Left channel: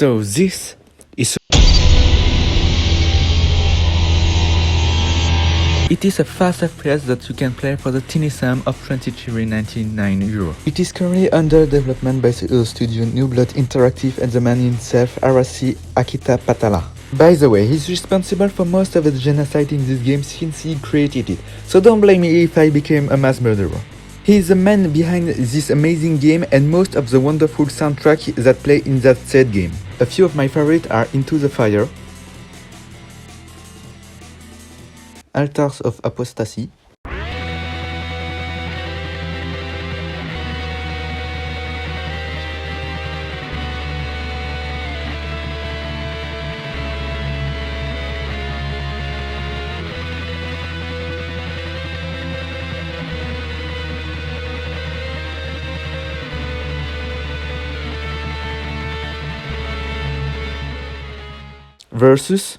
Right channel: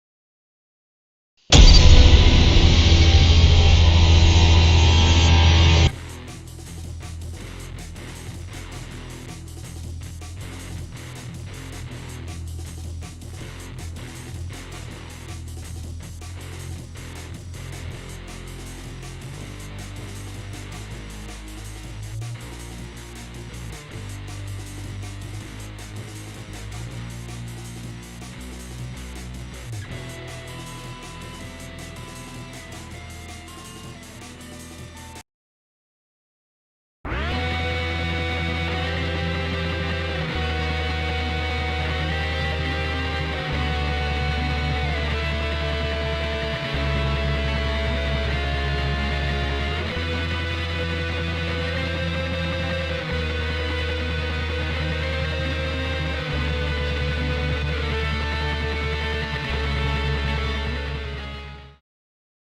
So this is it is a fast FPS that you can play for the tiny sum of 23.99 euro. It is currently under development by the studio New Blood Interactive and the man himself, Arasi Akita Patala. By the way, he's responsible for most of the genocide in this game since he created it, so don't blame me if I became a mass murderer. He is the man behind this amazing game and most of the wonderful soundtrack that play in that said game. A few of my favorites are Into the Fire, Altars of Apostasy, versus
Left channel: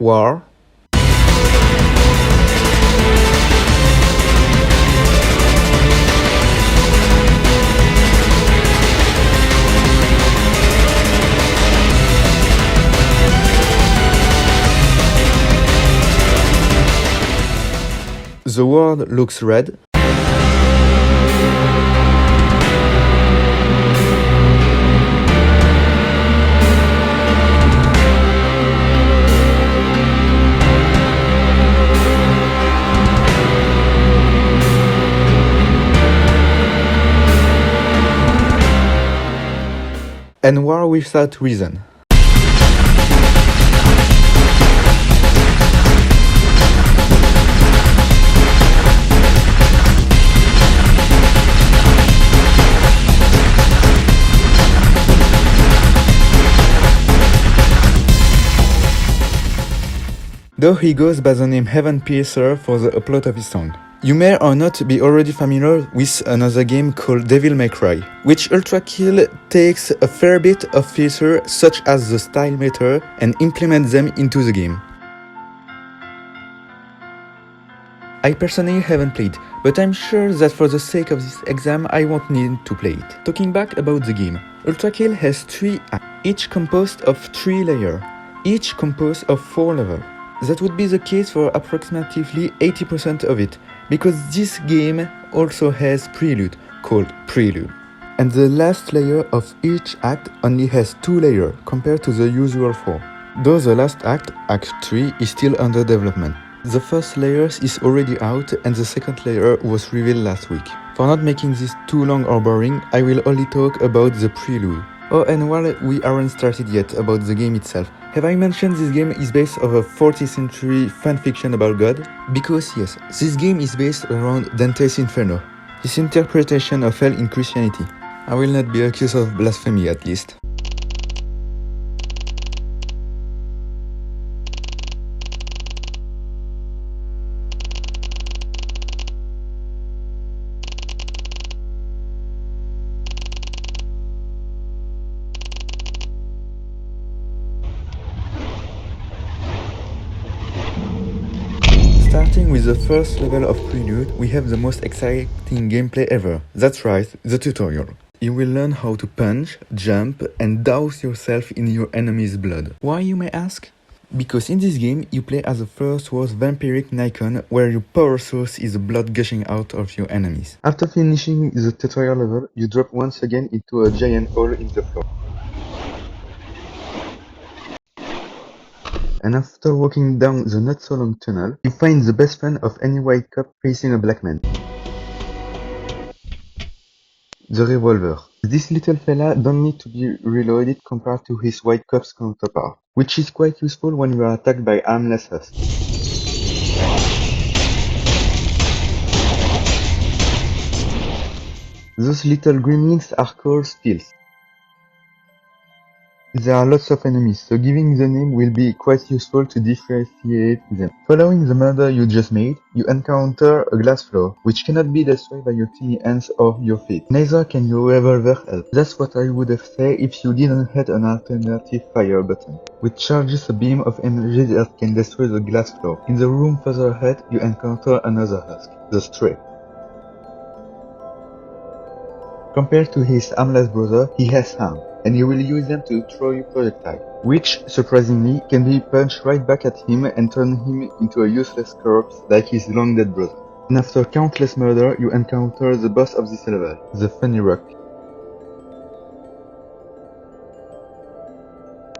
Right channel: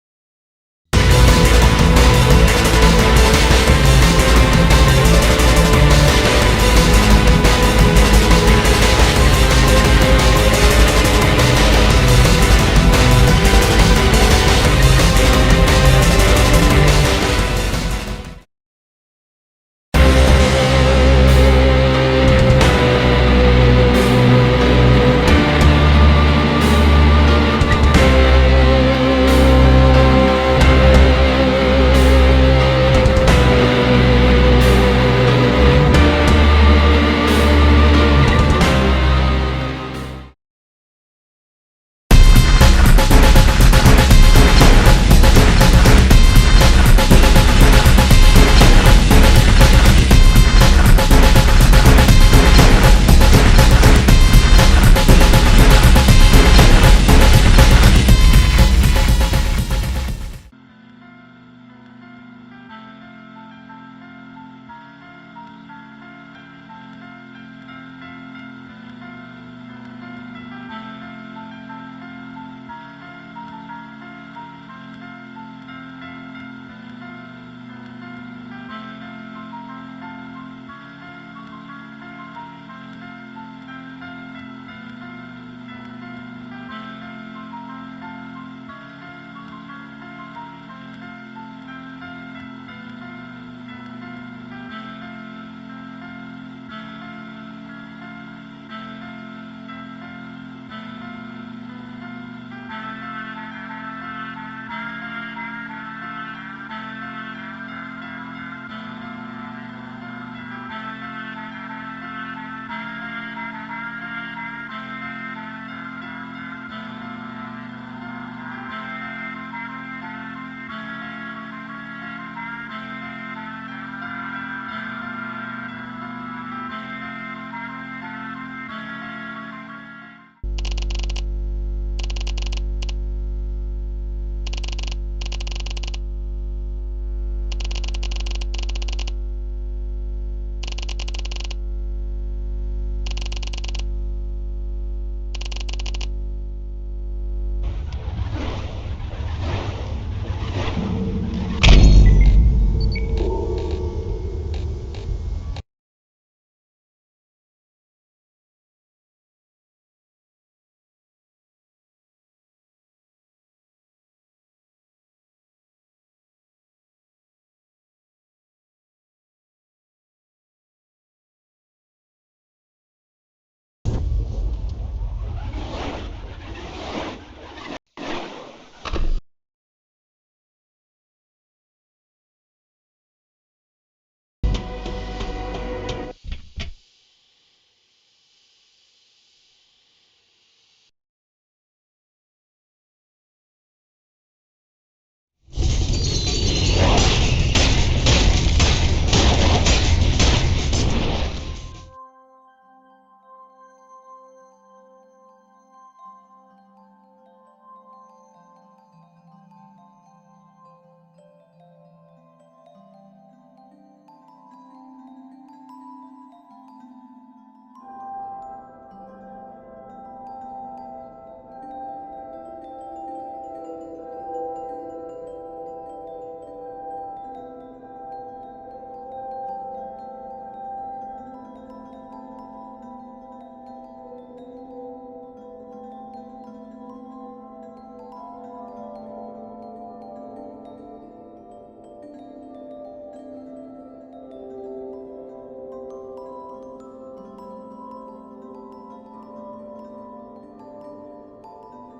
War, The World Looks Red, and War Without Reason. Though he goes by the name Heaven Piercer for the upload of his song. You may or not be already familiar with another game called Devil May Cry, which ULTRAKILL takes a fair bit of features such as the style meter and implements them into the game. I personally haven't played, but I'm sure that for the sake of this exam I won't need to play it. Talking back about the game, ULTRAKILL has 3 acts, each composed of 3 layers, each composed of 4 levels. That would be the case for approximately 80% of it, because this game also has prelude, called Prelude. And the last layer of each act only has 2 layers, compared to the usual 4. Though the last act, Act 3, is still under development. The first layer is already out and the second layer was revealed last week. For not making this too long or boring, I will only talk about the prelude. Oh, and while we aren't started yet about the game itself, have I mentioned this game is based on a 14th century fanfiction about God? Because yes, this game is based around Dante's Inferno, his interpretation of hell in Christianity. I will not be accused of blasphemy at least. Starting with the first level of Prelude, we have the most exciting gameplay ever. That's right, the tutorial. You will learn how to punch, jump, and douse yourself in your enemy's blood. Why, you may ask? Because in this game, you play as a first was vampiric Nikon, where your power source is the blood gushing out of your enemies. After finishing the tutorial level, you drop once again into a giant hole in the floor. And after walking down the not so long tunnel, you find the best friend of any white cop facing a black man. The revolver. This little fella don't need to be reloaded compared to his white cop's counterpart, which is quite useful when you are attacked by armless husks. Those little gremlins are called spills. There are lots of enemies, so giving the name will be quite useful to differentiate them. Following the murder you just made, you encounter a glass floor, which cannot be destroyed by your tiny hands or your feet. Neither can your revolver help. That's what I would have said if you didn't hit an alternative fire button, which charges a beam of energy that can destroy the glass floor. In the room further ahead, you encounter another husk, the Stray. Compared to his armless brother, he has arms, and he will use them to throw you projectiles, which, surprisingly, can be punched right back at him and turn him into a useless corpse like his long-dead brother. And after countless murder, you encounter the boss of this level, the Funny Rock.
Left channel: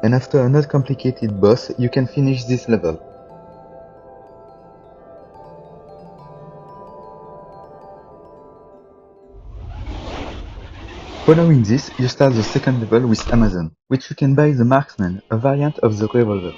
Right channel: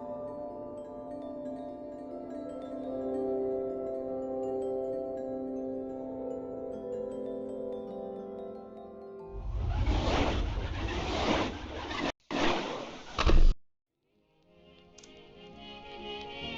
And after a not complicated boss, you can finish this level. Following this, you start the second level with Amazon, which you can buy the Marksman, a variant of the revolver.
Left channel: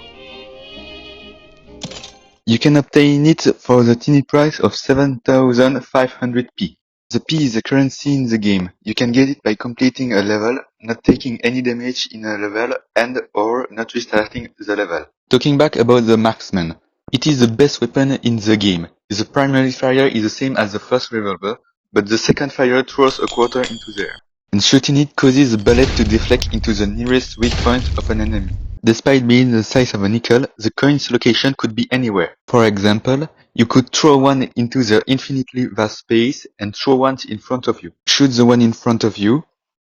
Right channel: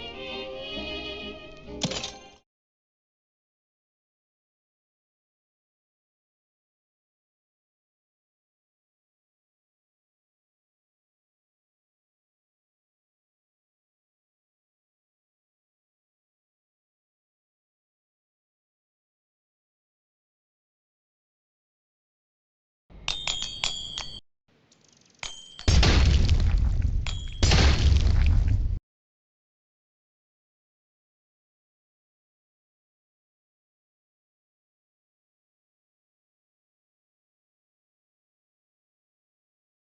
You can obtain it for the tiny price of 7,500 P. The P is the currency in the game. You can get it by completing a level, not taking any damage in a level, and or not restarting the level. Talking back about the Marksman. It is the best weapon in the game. The primary fire is the same as the first revolver, but the second fire throws a quarter into the air. And shooting it causes the bullet to deflect into the nearest weak point of an enemy. Despite being the size of a nickel, the coin's location could be anywhere. For example, you could throw one into the infinitely vast space and throw one in front of you. Shoot the one in front of you,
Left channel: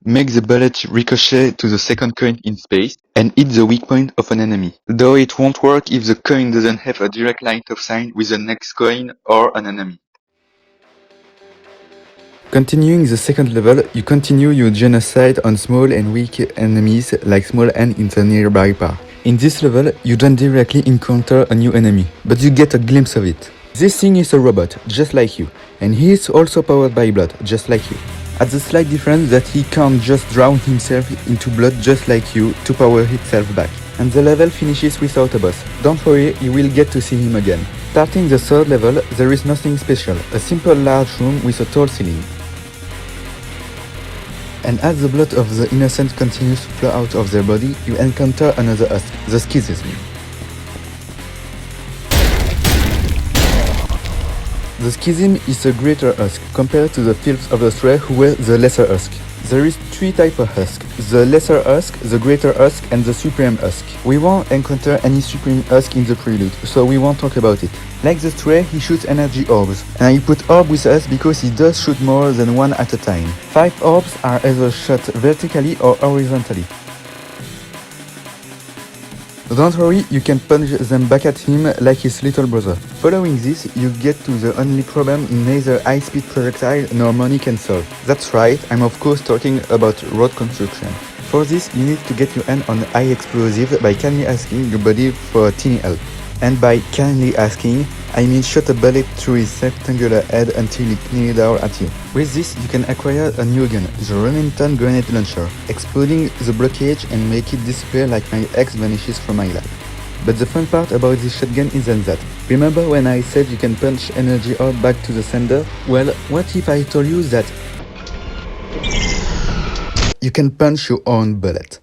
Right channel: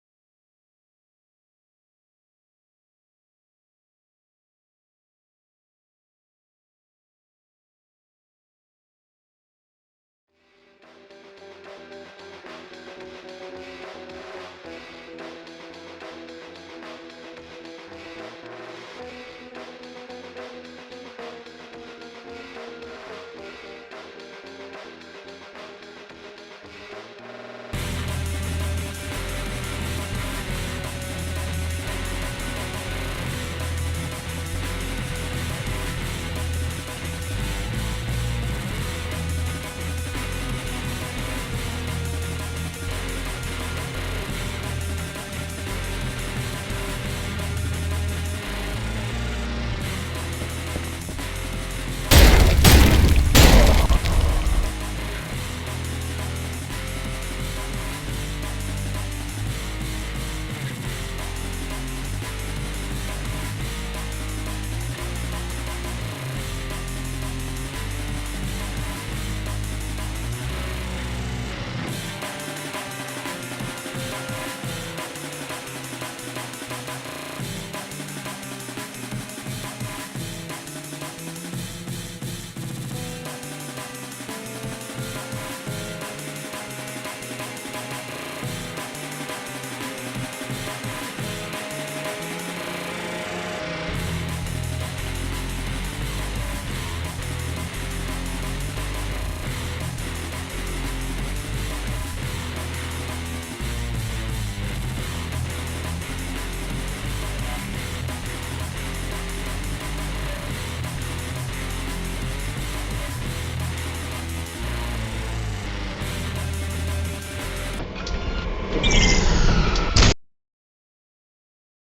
make the bullet ricochet to the second coin in space, and hit the weak point of an enemy. Though it won't work if the coin doesn't have a direct line of sight with the next coin or an enemy. Continuing the second level, you continue your genocide on small and weak enemies like small ants in the nearby park. In this level, you don't directly encounter a new enemy, but you get a glimpse of it. This thing is a robot, just like you, and he is also powered by blood, just like you. At the slight difference that he can't just drown himself into blood just like you to power himself back. And the level finishes without a boss. Don't worry, you will get to see him again. Starting the third level, there is nothing special, a simple large room with a tall ceiling. And as the blood of the innocent continues to flow out of their body, you encounter another husk, the Schism. The Schism is a greater husk compared to the filth of the Stray who were the lesser husk. There is three types of husk, the lesser husk, the greater husk, and the supreme husk. We won't encounter any supreme husk in the prelude, so we won't talk about it. Like the Stray, he shoots energy orbs, and I put orb with us because he does shoot more than one at a time. 5 orbs are either shot vertically or horizontally. Don't worry, you can punch them back at him like his little brother. Following this, you get to the only problem neither high-speed projectile nor money can solve. That's right, I'm of course talking about road construction. For this, you need to get your hand on high explosive by kindly asking your buddy for a teeny help. And by kindly asking, I mean shoot a bullet through his rectangular head until it kneel down at you. With this, you can acquire a new gun, the Remington grenade launcher, exploding the blockage and make it disappear like my ex vanishes from my life. But the fun part about this shotgun isn't that. Remember when I said you can punch energy orb back to the sender? Well, what if I told you that you can punch your own bullet?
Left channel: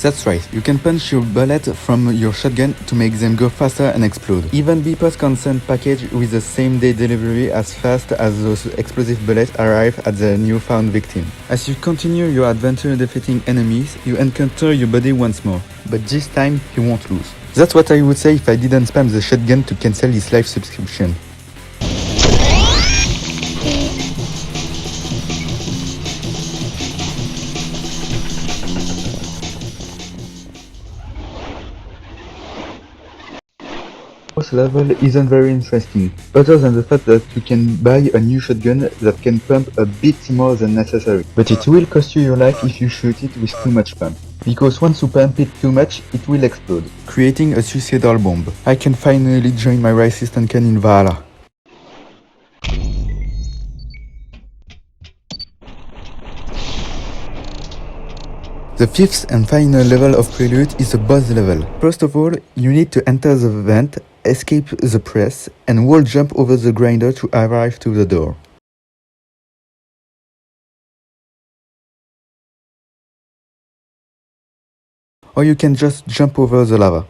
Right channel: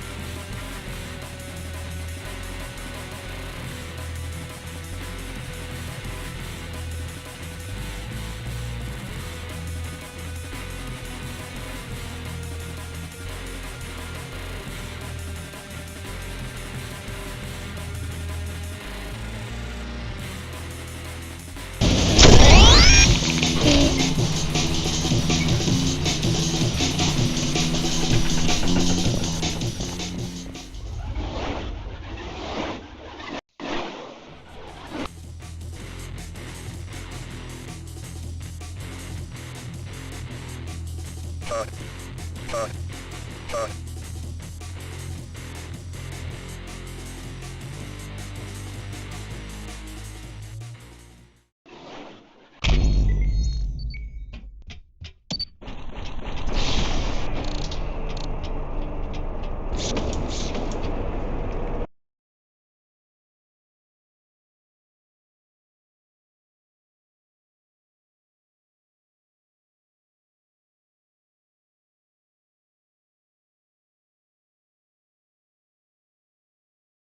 That's right, you can punch your bullet from your shotgun to make them go faster and explode. Even Beepers can send package with the same day delivery as fast as those explosive bullets arrive at the newfound victim. As you continue your adventure defeating enemies, you encounter your buddy once more, but this time you won't lose. That's what I would say if I didn't spam the shotgun to cancel his live subscription. This level isn't very interesting, other than the fact that you can buy a new shotgun that can pump a bit more than necessary. But it will cost you your life if you shoot it with too much pump. Because once you pump it too much, it will explode, creating a suicidal bomb. I can finally join my resistance can in Valhalla. The fifth and final level of Prelude is a boss level. First of all, you need to enter the vent, escape the press, and wall jump over the grinder to arrive to the door. or you can just jump over the lava.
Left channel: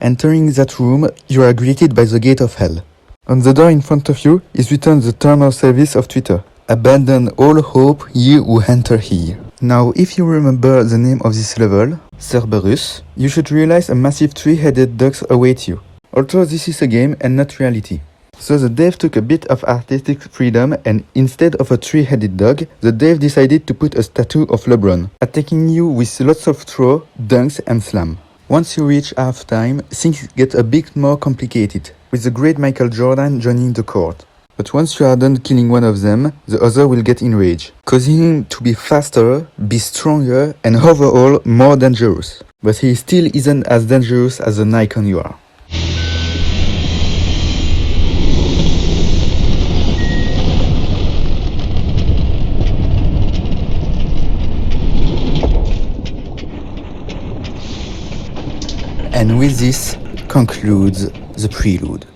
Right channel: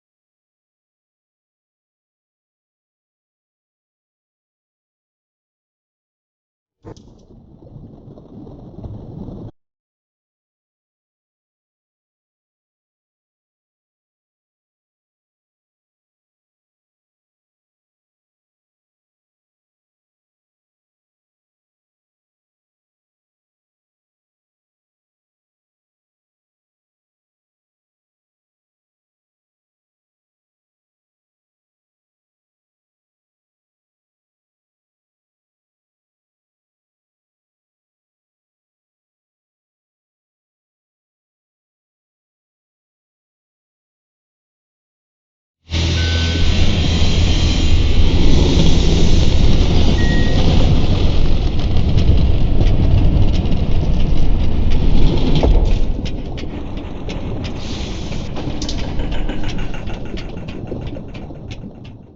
Entering that room, you are greeted by the gate of hell. On the door in front of you is written the term of service of Twitter. Abandon all hope, ye who enter here. Now, if you remember the name of this level, Cerberus, you should realize a massive three-headed dog awaits you. Although this is a game and not reality. So the dev took a bit of artistic freedom, and instead of a three-headed dog, the dev decided to put a statue of LeBron, attacking you with lots of throw, dunks and slam. Once you reach halftime, things get a bit more complicated, with the great Michael Jordan joining the court. But once you are done killing one of them, the other will get enraged, causing him to be faster, be stronger, and overall more dangerous. But he still isn't as dangerous as the Nikon you are. And with this concludes the prelude.